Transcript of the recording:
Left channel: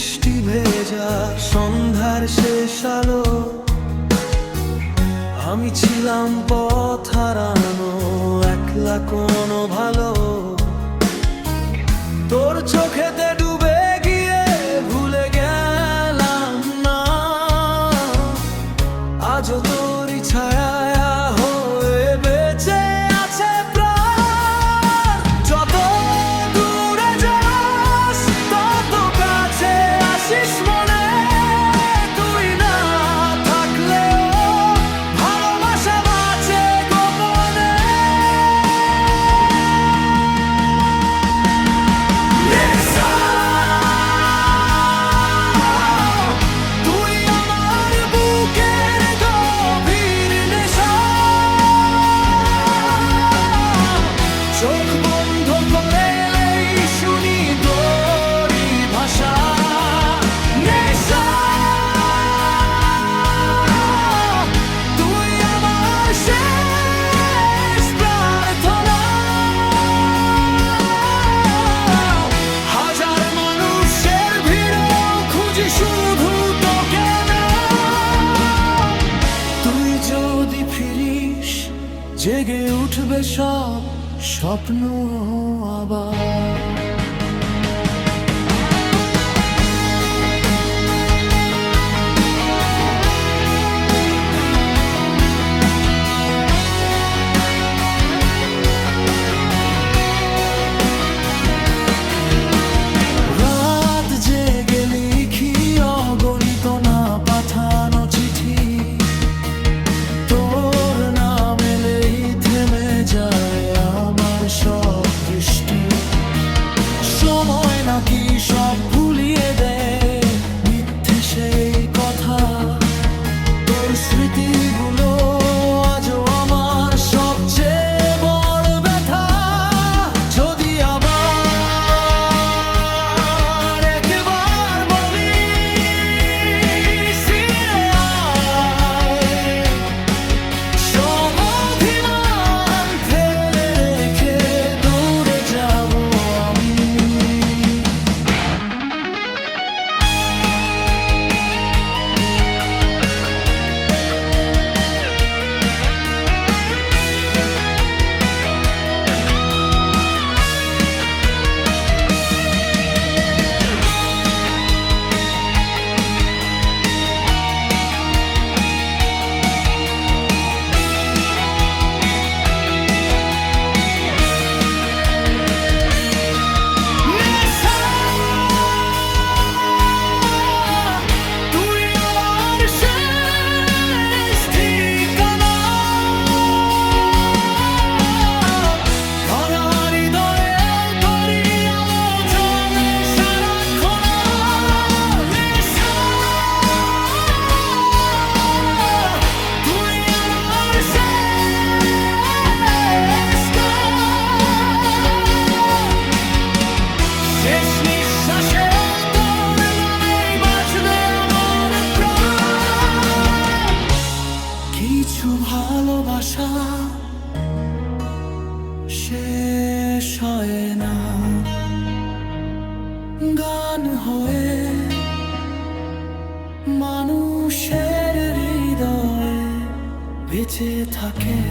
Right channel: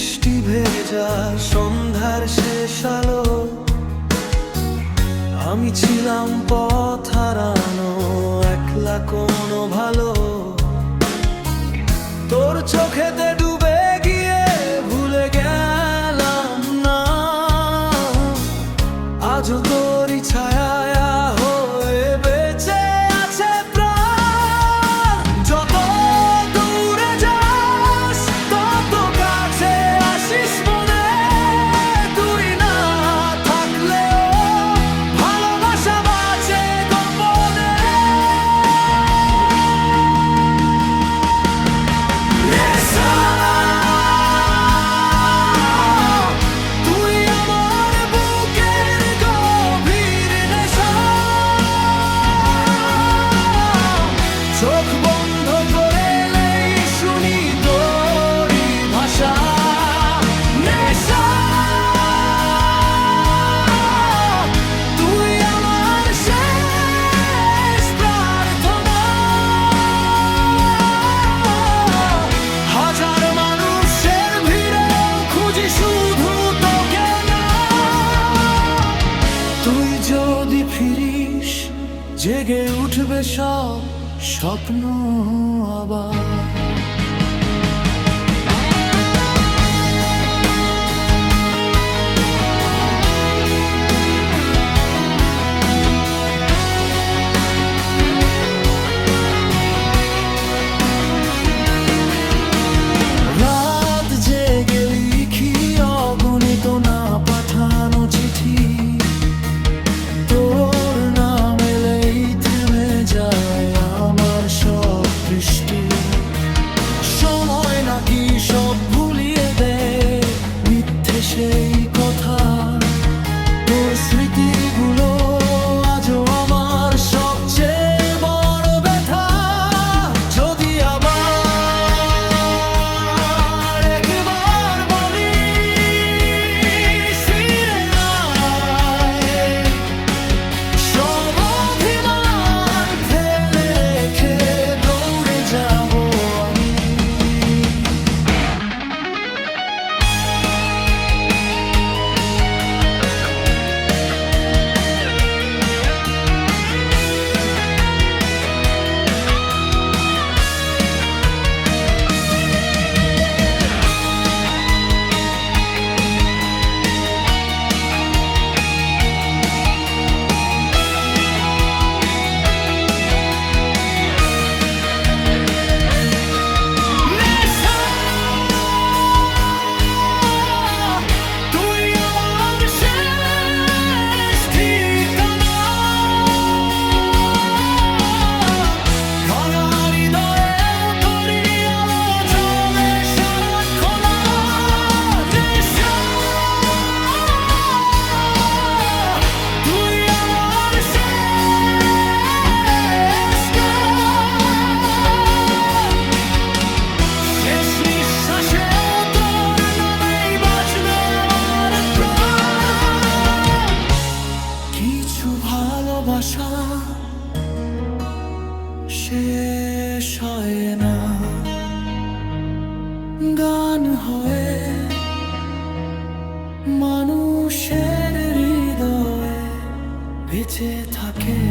বৃষ্টি ভেজা সন্ধ্যার শেষ আলো, আমি ছিলাম পথ হারানো, একলা কোনো ভালো। তোর চোখেতে ডুবে গিয়ে ভুলে গেলাম না, আজও তোরই ছায়া হয়ে বেঁচে আছে প্রাণ। যত দূরে যাস তত কাছে আসিস মনে, তুই না থাকলেও ভালোবাসা বাঁচে গোপনে। নেশা, তুই আমার বুকের গভীর নেশা, চোখ বন্ধ করে এলেই শুনি তোরই ভাষা। নেশা, তুই আমার শেষ প্রার্থনা, হাজার মানুষের ভিড়েও খুঁজি শুধু তোকে না। তুই যদি ফিরিস জেগে উঠবে সব স্বপ্ন আবার। রাত জেগে লিখি অগণিত না পাঠানো চিঠি, তোর নাম এলেই থেমে যায় আমার সব দৃষ্টি। সময় নাকি সব ভুলিয়ে দেয় মিথ্যে সেই কথা, তোর স্মৃতিগুলো আজও আমার সবচেয়ে বড় ব্যথা। যদি আবার একবার বলি ফিরে আয়, সব অভিমান ফেলে রেখে দৌড়ে যাব আমি। নেশা, তুই আমার শেষ ঠিকানা, ভাঙা হৃদয়েও তোরই আলো জ্বলে সারাক্ষণ। নেশা, তুই আমার শেষ গান, শেষ নিঃশ্বাসেও তোর নামেই বাঁচবে আমার প্রাণ। কিছু ভালোবাসা শেষ হয় না, গান হয়ে মানুষের হৃদয়ে বেঁচে থাকে।